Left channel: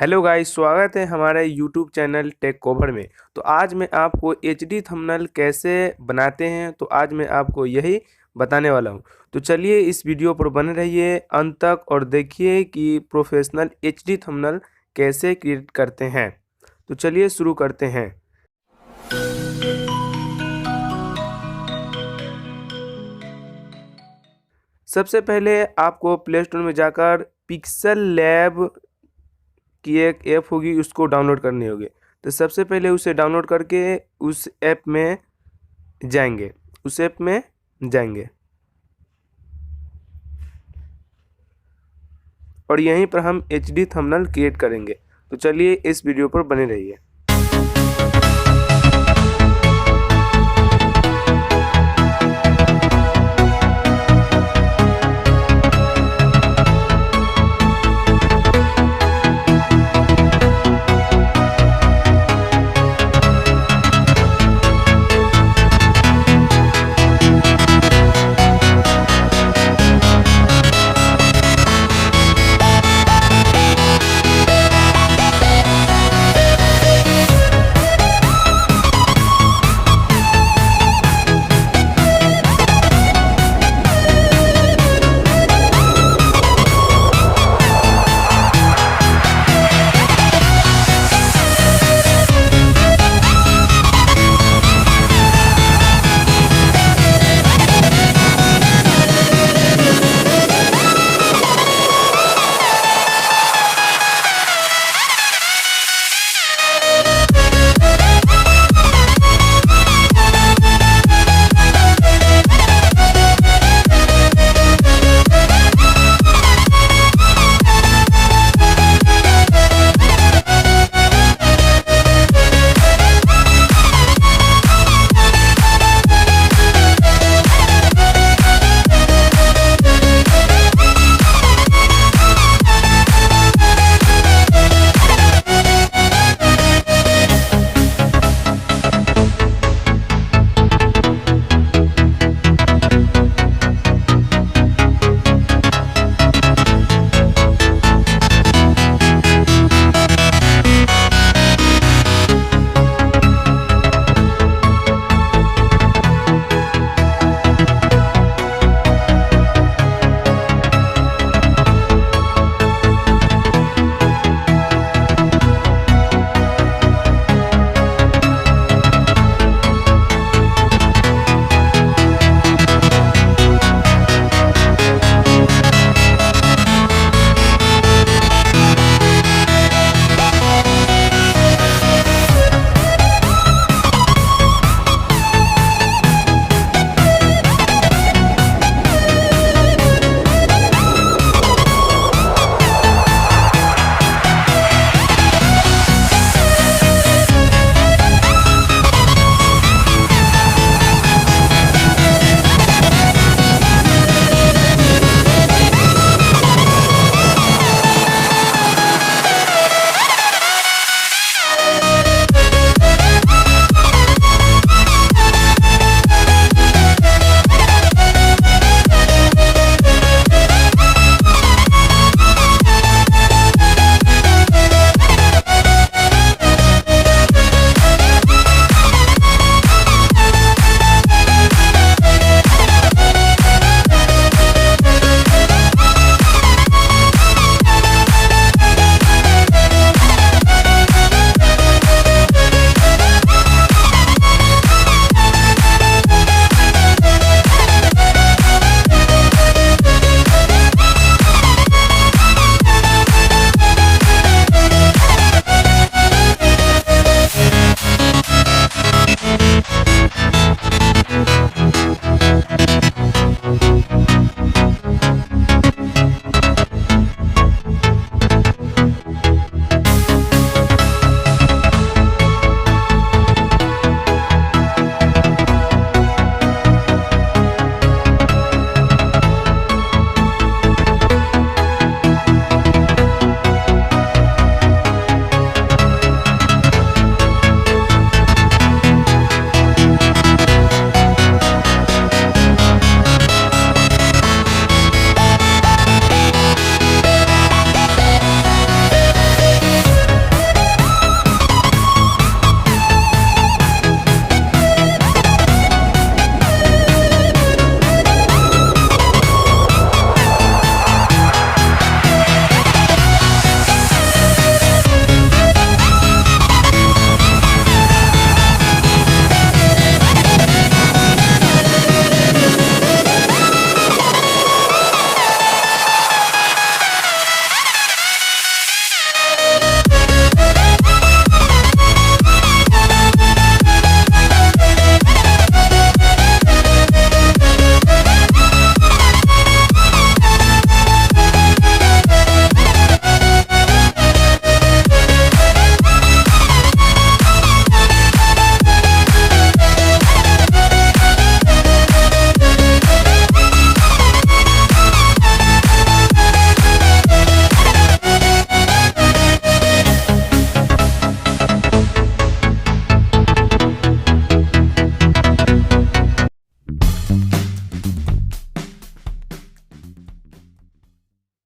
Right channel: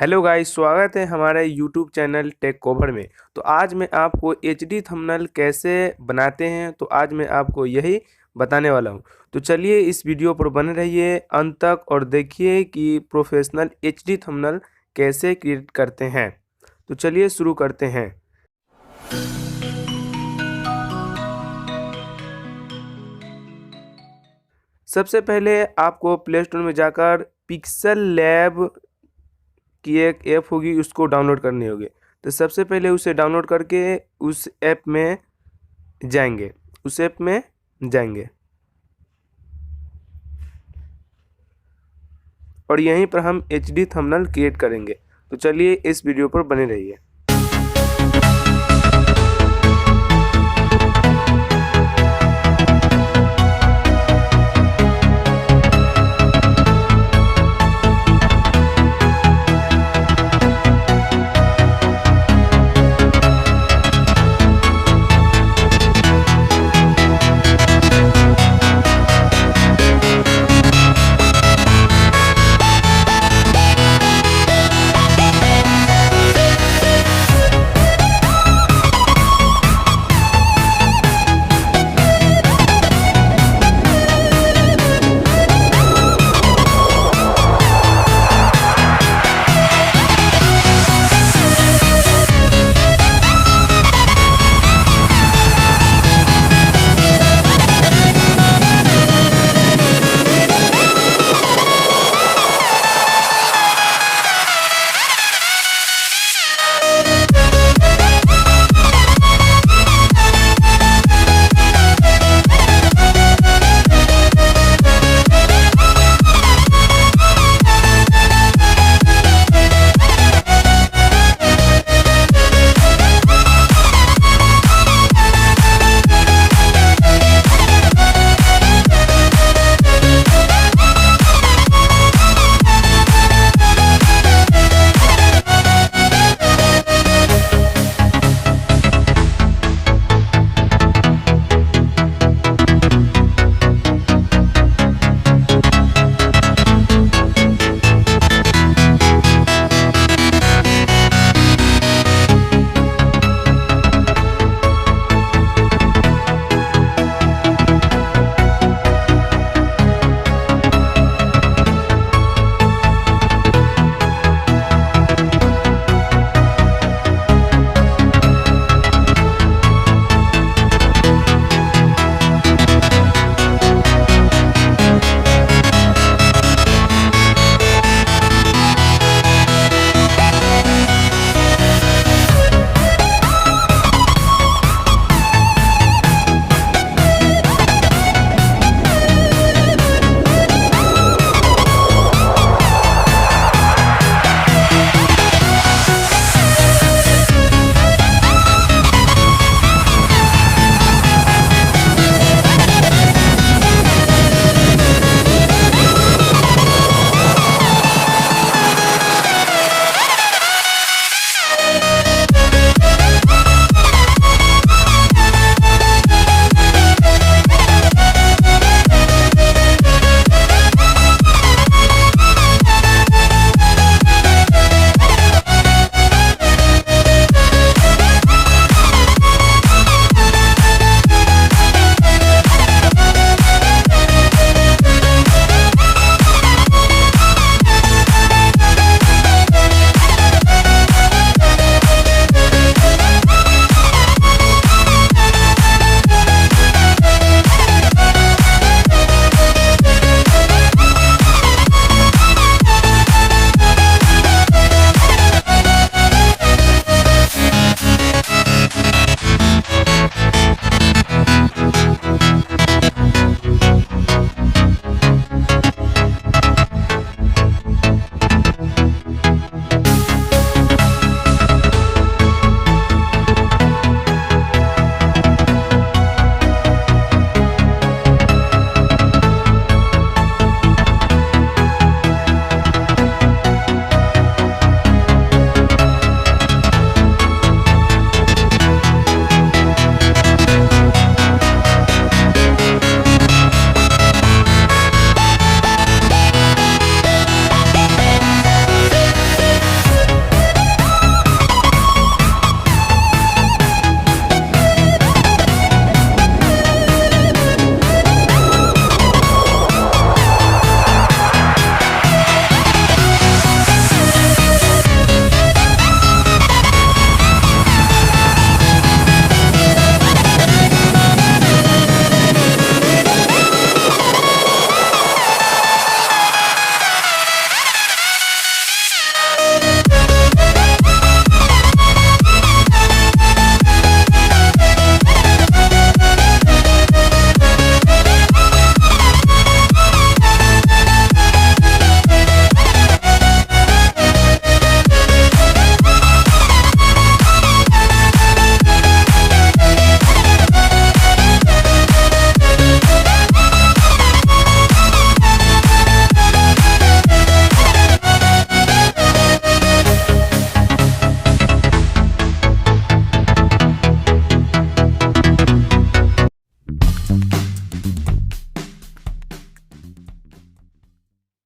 Hello guys, स्वागत है हमारे YouTube चैनल टेक कवर में। तो आज मैं आपको एचडी थंबनेल कैसे बनाते हैं तो आज मैं आपको यही बताने वाला हूं। तो चलिए इस वीडियो पर बने रहिए अंत तक और देखिए कि प्रोफेशनल एचडी थंबनेल कैसे क्रिएट करते हैं। तो चलिए शुरू करते हैं। सबसे पहले आपको प्ले स्टोर में जाकर पिक्सल लैब की एक ऐप होगी, उसको डाउनलोड करनी होगी। तो सबसे पहले उसे डाउनलोड करके उस ऐप में जाएंगे और यहीं पर हम एचडी थंबनेल क्रिएट करेंगे। तो चलिए इस वीडियो पर बने रहिए।